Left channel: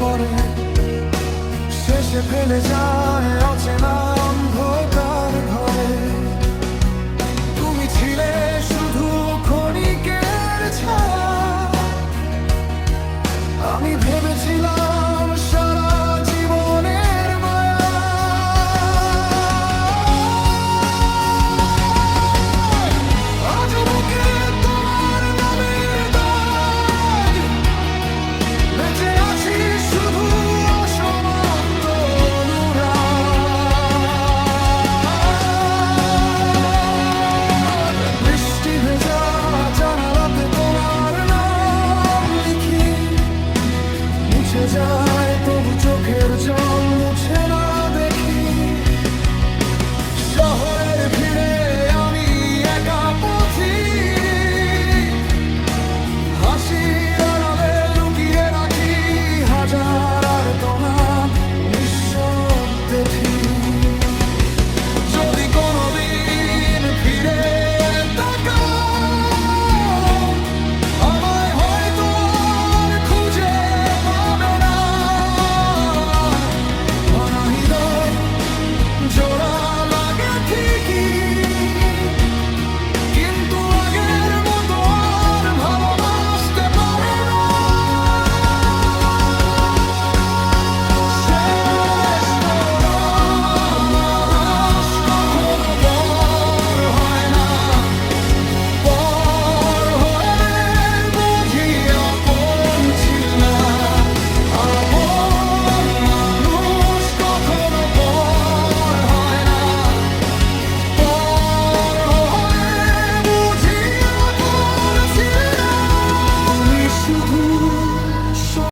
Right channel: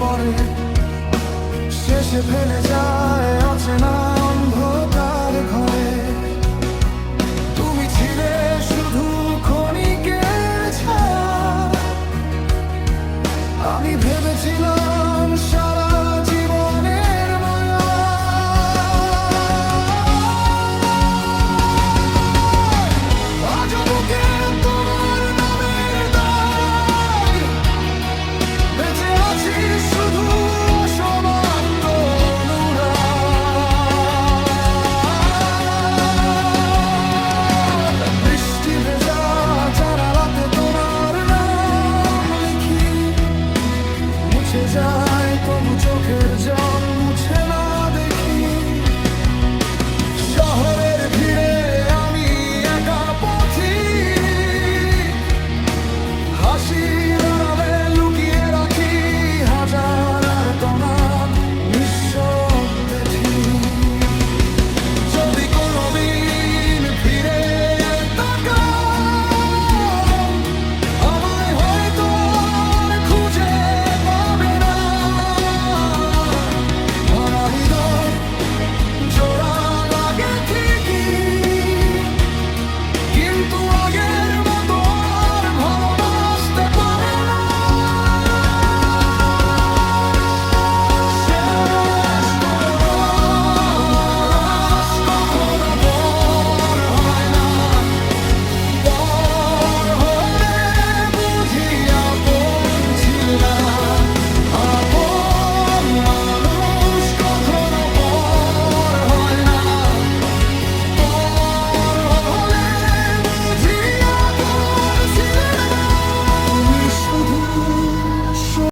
পরে শেষে ফেলে যায় অচেনা অন্ধকার ঘরে। তুমি ছিলে শুধু ক্ষণিকের ছায়া, আমি ভেবেছিলাম সারা জীবনের মায়া। আজও বুকে তোমার নামের দাগ, বেঁচে আছি শুধু অসমাপ্ত অনুরাগ। বৃষ্টি ভেজা জানালাতে তোমার নাম লিখি, মুছে যায় তবু চোখের জল মুছে না দেখি। শহরে